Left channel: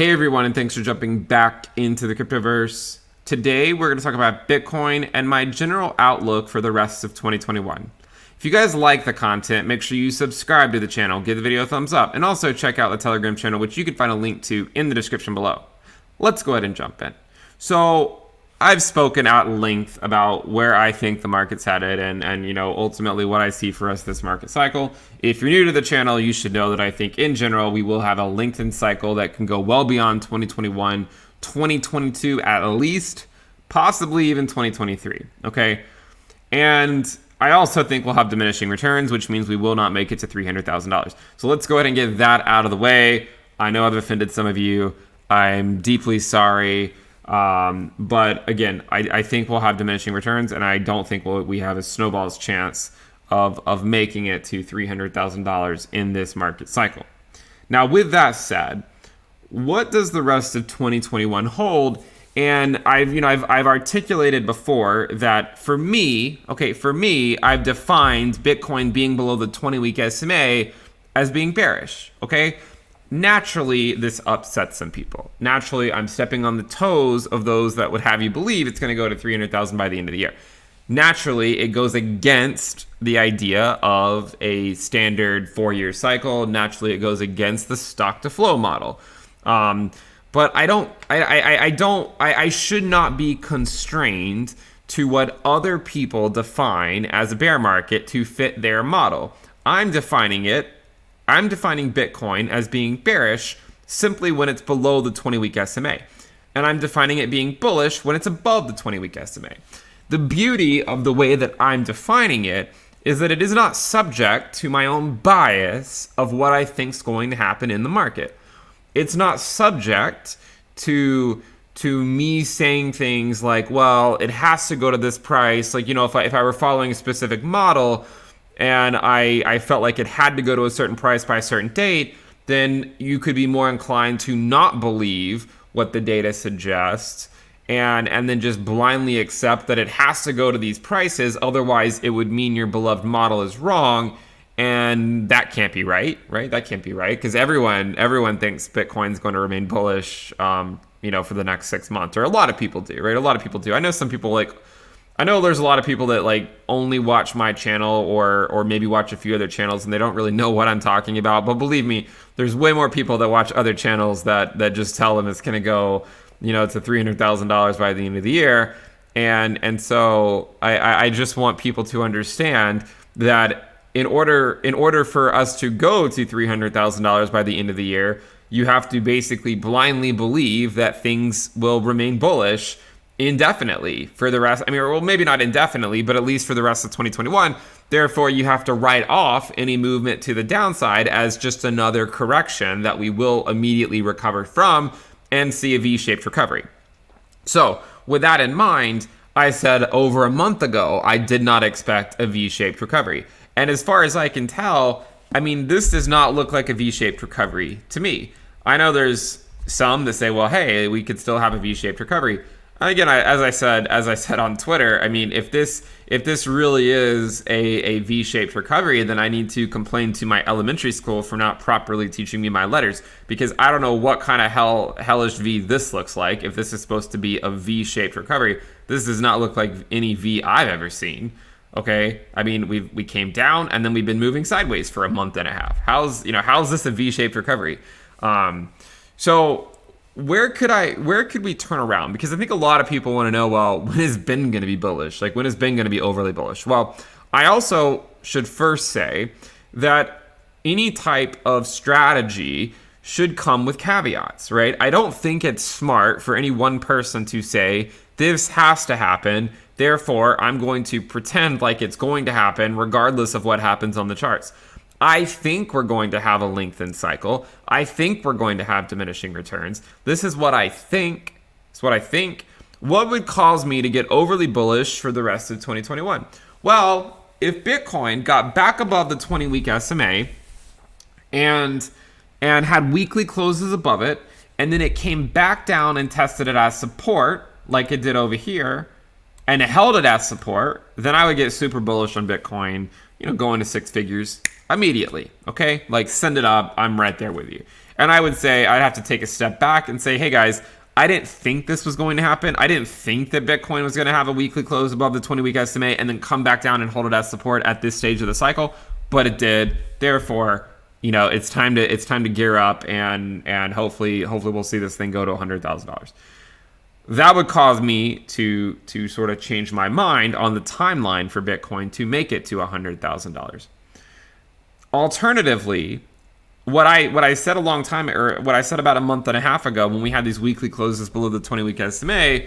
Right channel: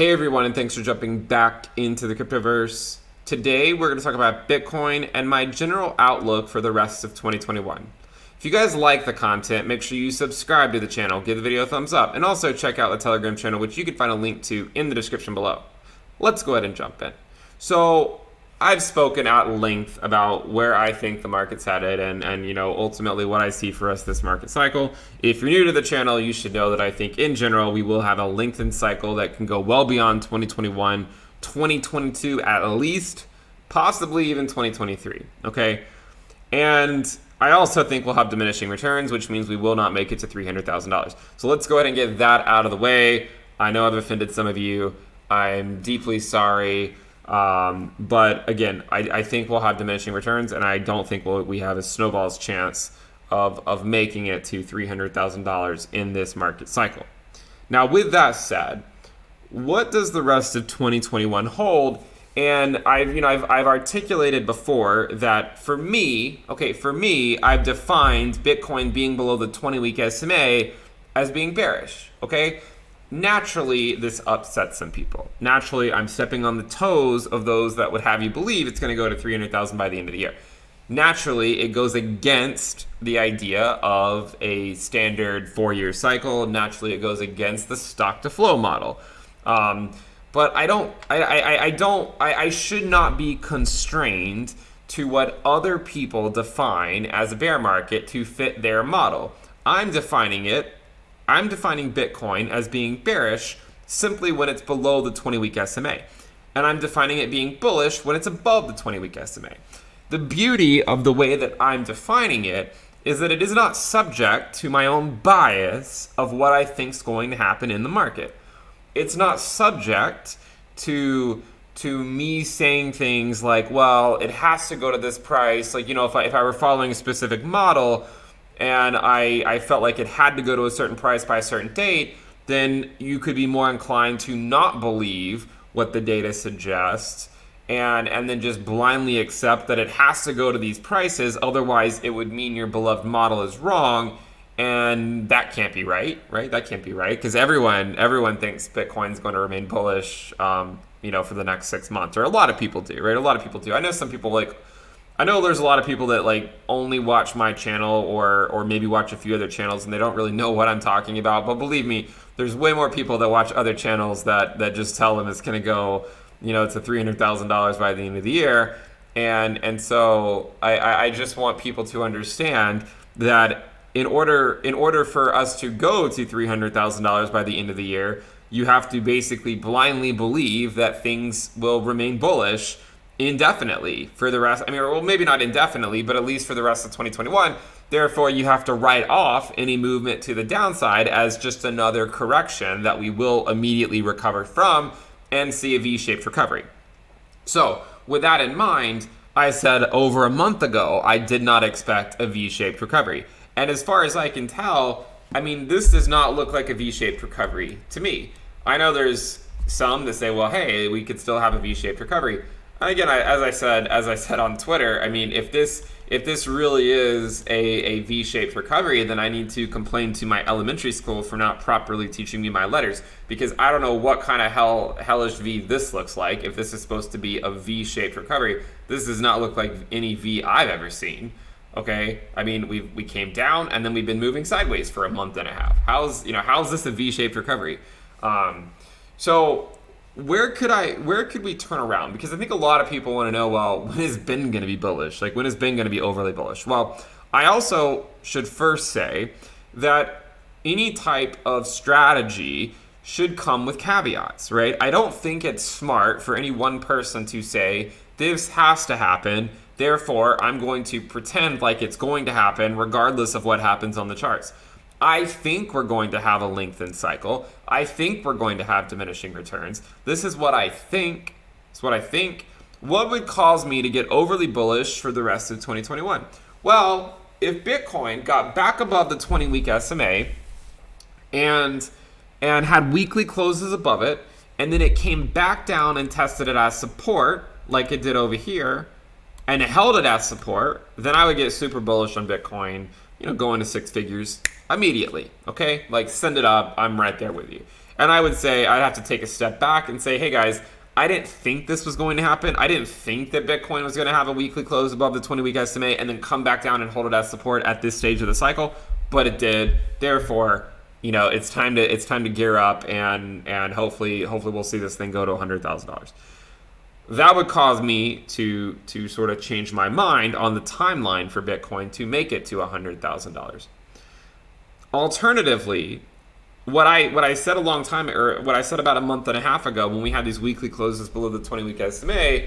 Hey everyone, and thanks for jumping back into the cryptoverse. Today we're going to talk about Bitcoin and my general outlook for the rest of 2021. If you guys like the content, make sure you subscribe to the channel, give the video a thumbs up, and also check out the Telegram channel, which you can find a link to in the description below. Let's go ahead and jump in. So I've spoken at length about where I think the market's headed and ultimately what I see for us this market cycle. If you're new to the channel, you should know that I think in general we will have a lengthened cycle that can go well beyond 2021, 2022 at least, possibly even 2023, okay? And I also think we'll have diminishing returns, which means we will not make it to $300,000. So let's go ahead and get that out of the way. I know I've offended some of you. I'm deeply sorry. But again, I think we'll have diminishing returns, and I don't think we have a snowball's chance of making it to $300,000 in this market cycle. Now, with that said, what does the rest of 2021 hold? And I've articulated before that for me, I've defined Bitcoin being below the 20-week SMA as being bearish, okay? Naturally, this upsets some people. Naturally, I'm stepping on the toes of those that would have you believe it's going to go to 300,000 by the end of the year. Naturally, it goes against the idea of a standard 4-year cycle. Naturally, it goes against the stock to flow model. But I should not be constrained to what other people define as a bear market to fit their model. I'm defining Bitcoin as being bearish simply when it's below the 20-week SMA. And I'm defining it being bullish when it's above the 20-week SMA. The beauty of the way that I'm defining it is that it is not subject to my own bias of what I think is going to happen in the market. It's not subject to me saying things like, well, it has to go to this price. Like, if I were following a specific model, and I felt like it had to go to a certain price by a certain date, then you could be more inclined to not believe what the data suggests and then just blindly accept that it has to go to these prices. Otherwise, it would mean your beloved model is wrong, and that can't be right? That can't be right, because everyone thinks Bitcoin's going to remain bullish, for the next 6 months, or a lot of people do, right? A lot of people do. I know some people I know there's a lot of people that only watch my channel or maybe watch a few other channels and they don't really know what I'm talking about. But believe me, there's way more people that watch other channels that just tell them it's going to go, to $300,000 by the end of the year. And so I just want people to understand that in order for us to go to $300,000 by the end of the year, you have to basically blindly believe that things will remain bullish indefinitely for the rest. Maybe not indefinitely, but at least for the rest of 2021. Therefore, you have to write off any movement to the downside as just another correction that we will immediately recover from and see a V-shaped recovery. So with that in mind, I said over a month ago, I did not expect a V-shaped recovery. And as far as I can tell, this does not look like a V-shaped recovery to me. I know there's some that say, well, hey, we could still have a V-shaped recovery. Again, as I said on Twitter, if this really is a V-shaped recovery, then I need to complain to my elementary school for not properly teaching me my letters, because I don't know what kind of hellish V this looks like. If this is supposed to be a V-shaped recovery, this does not look like any V I've ever seen. Okay, we came down and then we've been moving sideways for a month and a half. How's this a V-shaped recovery? So where could we turn around? Because I think a lot of people want to know, well, when is Ben going to be bullish? When is Ben going to be overly bullish? Well, I also should first say that any type of strategy should come with caveats, right? I don't think it's smart for any one person to say, this has to happen, therefore I'm going to pretend like it's going to happen regardless of what happens on the charts. I think we're going to have a lengthened cycle. I think we're going to have diminishing returns. This is what I think. What would cause me to get overly bullish for the rest of 2021? Well, if Bitcoin got back above the 20-week SMA and had weekly closes above it, and then it came back down and tested it as support, like it did over here, and it held it as support, then I would get super bullish on Bitcoin, going to 6 figures immediately, okay? Send it up, I'm right there with you. And I would say I'd have to take a step back and say, hey guys, I didn't think this was going to happen. I didn't think that Bitcoin was going to have a weekly close above the 20-week SMA and then come back down and hold it as support at this stage of the cycle, but it did. Therefore, it's time to gear up and hopefully we'll see this thing go to $100,000. That would cause me to sort of change my mind on the timeline for Bitcoin to make it to $100,000. Alternatively, what I said a long time, or what I said about a month and a half ago when we had these weekly closes below the 20-week SMA,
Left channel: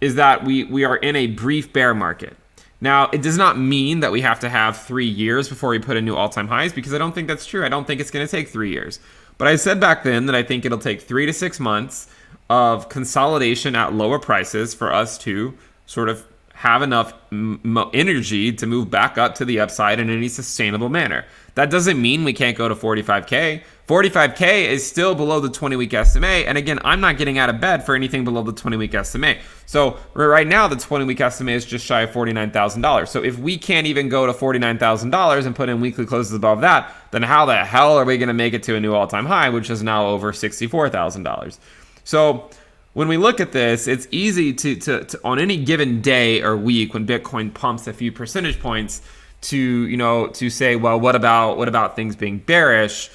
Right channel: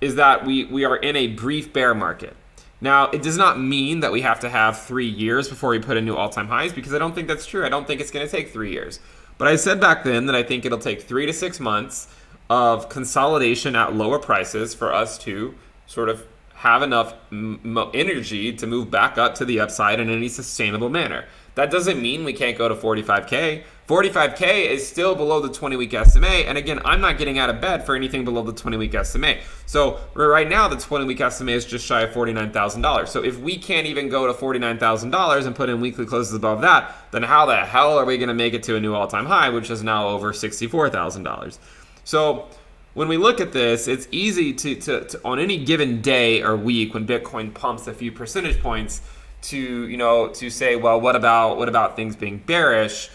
is that we are in a brief bear market. Now, it does not mean that we have to have 3 years before we put in new all-time highs, because I don't think that's true. I don't think it's going to take 3 years. But I said back then that I think it'll take 3 to 6 months of consolidation at lower prices for us to sort of have enough energy to move back up to the upside in any sustainable manner. That doesn't mean we can't go to 45K. 45K is still below the 20-week SMA. And again, I'm not getting out of bed for anything below the 20-week SMA. So right now, the 20-week SMA is just shy of $49,000. So if we can't even go to $49,000 and put in weekly closes above that, then how the hell are we going to make it to a new all-time high, which is now over $64,000? So when we look at this, it's easy to on any given day or week when Bitcoin pumps a few percentage points to say, well, what about things being bearish,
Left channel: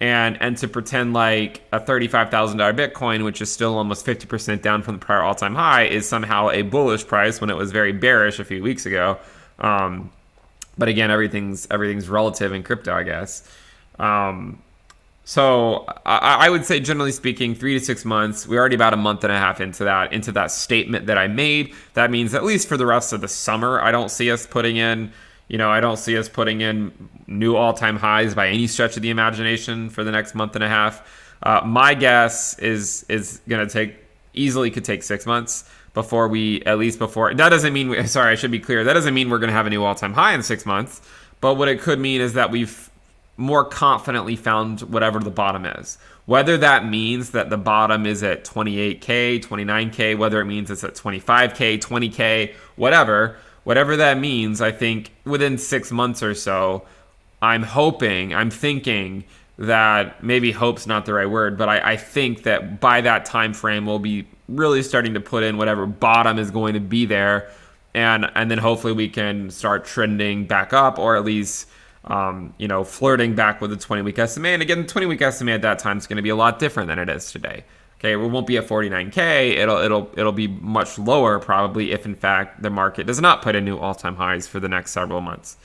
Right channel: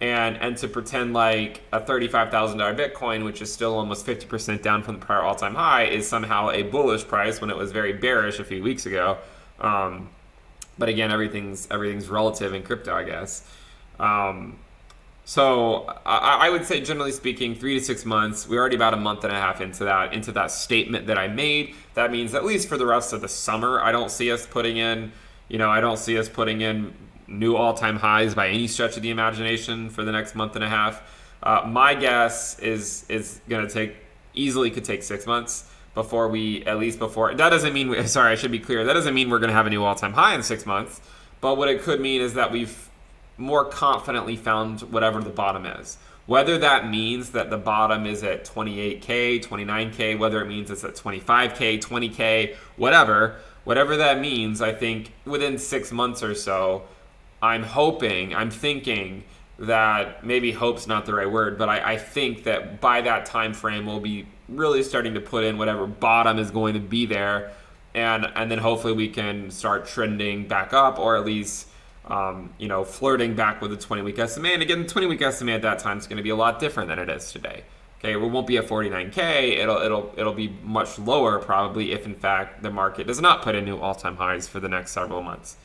and to pretend like a $35,000 Bitcoin, which is still almost 50% down from the prior all-time high, is somehow a bullish price when it was very bearish a few weeks ago. But again, everything's relative in crypto, I guess. So I would say, generally speaking, 3 to 6 months. We're already about a month and a half into that statement that I made. That means at least for the rest of the summer, I don't see us putting in new all-time highs by any stretch of the imagination for the next month and a half. My guess is going to could take 6 months before that doesn't mean, I should be clear. That doesn't mean we're going to have a new all-time high in 6 months. But what it could mean is that we've more confidently found whatever the bottom is. Whether that means that the bottom is at 28K, 29K, whether it means it's at 25K, 20K, whatever that means, I think within 6 months or so, I'm thinking that, maybe hope's not the right word, but I think that by that time frame, we'll be really starting to put in whatever bottom is going to be there, and then hopefully we can start trending back up, or at least flirting back with the 20-week SMA. And again, the 20-week SMA at that time is going to be a lot different than it is today. Okay, we won't be at 49K. It'll be much lower probably if in fact the market does not put in new all-time highs for the next several months.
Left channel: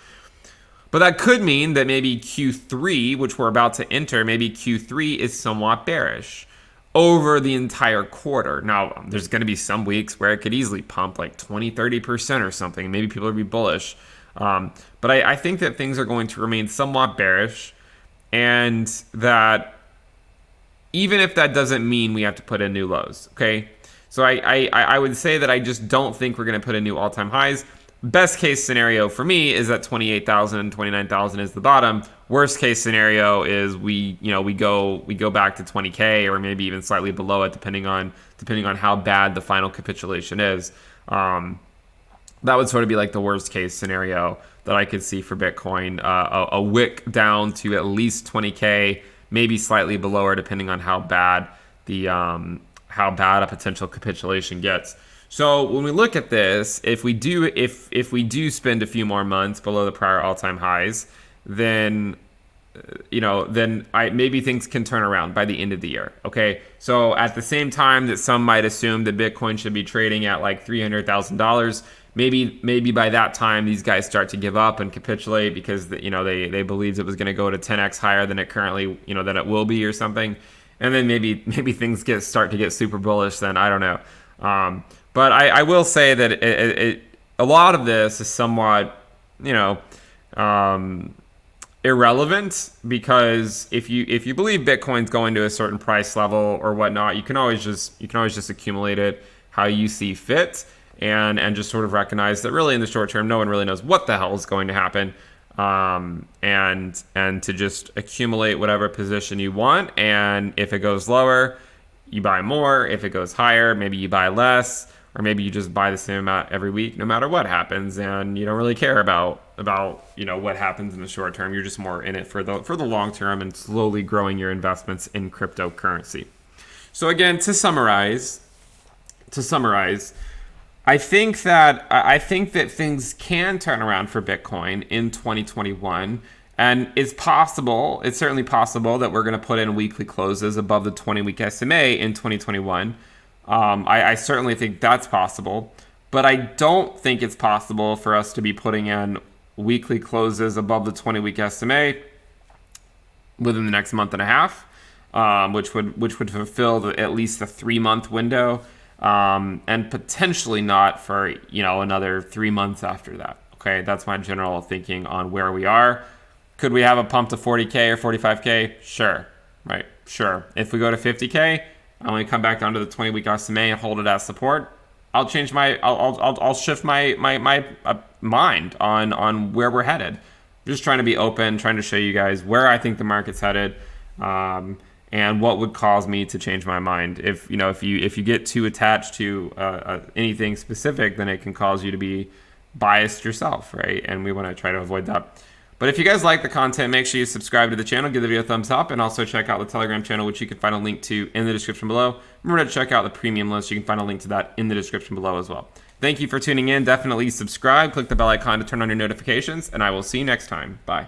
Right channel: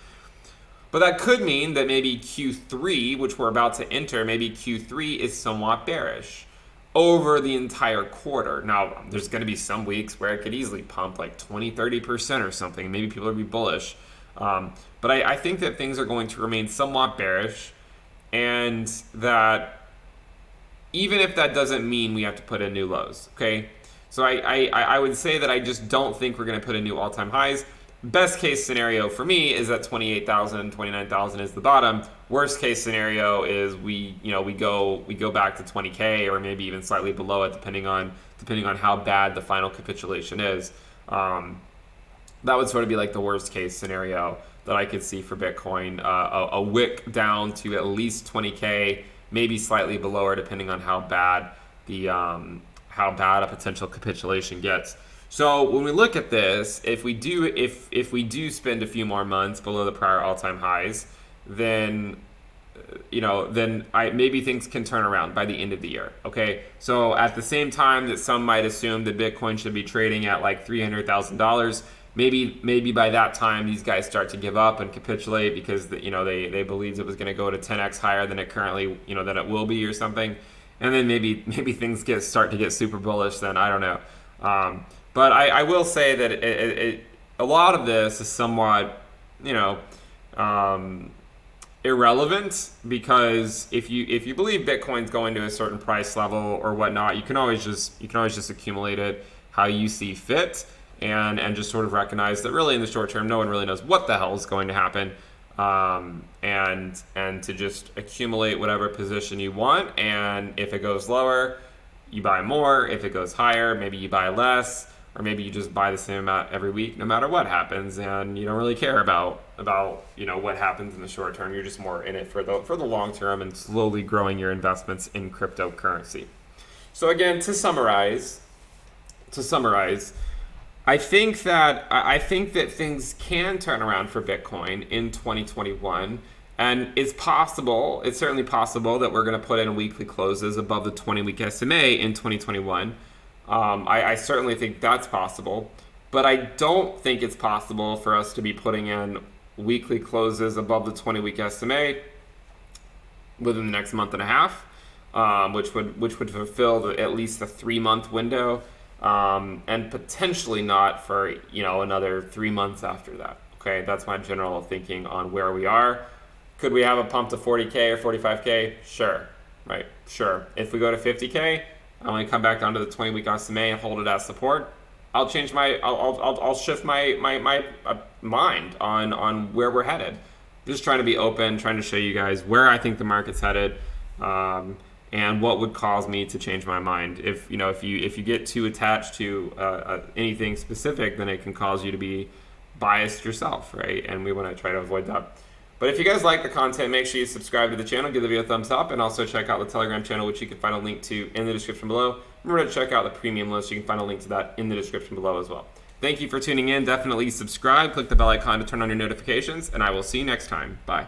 But that could mean that maybe Q3, which we're about to enter, maybe Q3 is somewhat bearish over the entire quarter. Now, there's going to be some weeks where it could easily pump like 20-30% or something. Maybe people will be bullish. But I think that things are going to remain somewhat bearish, and that even if that doesn't mean we have to put in new lows, okay? So I would say that I just don't think we're going to put in new all-time highs. Best case scenario for me is that 28,000, 29,000 is the bottom. Worst case scenario is we go back to 20K, or maybe even slightly below it, depending on how bad the final capitulation is. That would sort of be like the worst case scenario that I could see for Bitcoin. A wick down to at least 20K, maybe slightly below, or depending on how bad a potential capitulation gets. So when we look at this, if we do spend a few more months below the prior all-time highs, then maybe things can turn around by the end of the year. Okay, so at the same time that some might assume that Bitcoin should be trading at like $300,000. Maybe by that time these guys start to give up and capitulate because they believed it was going to go to 10x higher than it currently than it will be or something, and then maybe things start to get super bullish. Then I don't know, but I will say that a lot of this is somewhat irrelevant, because if you believe Bitcoin's going to a certain price level or whatnot, you can always just accumulate it how you see fit. And just sort of recognize that really in the short term, no one really knows what the hell is going to happen, and to just accumulate whatever position you want. And if it goes lower, you buy more. If it goes higher, maybe you buy less. or maybe you just buy the same amount every week no matter what happens, and you don't really care about what happens in the short term. You're just more in it for the long term and slowly growing your investments in cryptocurrency. So again, to summarize, I think that things can turn around for Bitcoin in 2021, and it's certainly possible that we're going to put in weekly closes above the 20-week SMA in 2021. I certainly think that's possible, but I don't think it's possible for us to be putting in weekly closes above the 20-week SMA within the next month and a half, which would fulfill at least the 3-month window, and potentially not for another 3 months after that. Okay, that's my general thinking on where we are. Could we have a pump to 40K or 45K? Sure, right? Sure. If we go to 50K, I only come back down to the 20-week SMA and hold it as support. I'll shift my mind on where we're headed. I'm just trying to be open, trying to show you guys where I think the market's headed, and what would cause me to change my mind. If you get too attached to anything specific, then it can cause you to be biased yourself, right? And we want to try to avoid that. But if you guys like the content, make sure you subscribe to the channel, give the video a thumbs up, and also check out the Telegram channel, which you can find a link to in the description below. Remember to check out the premium list. You can find a link to that in the description below as well. Thank you for tuning in. Definitely subscribe. Click the bell icon to turn on your notifications, and I will see you next time. Bye.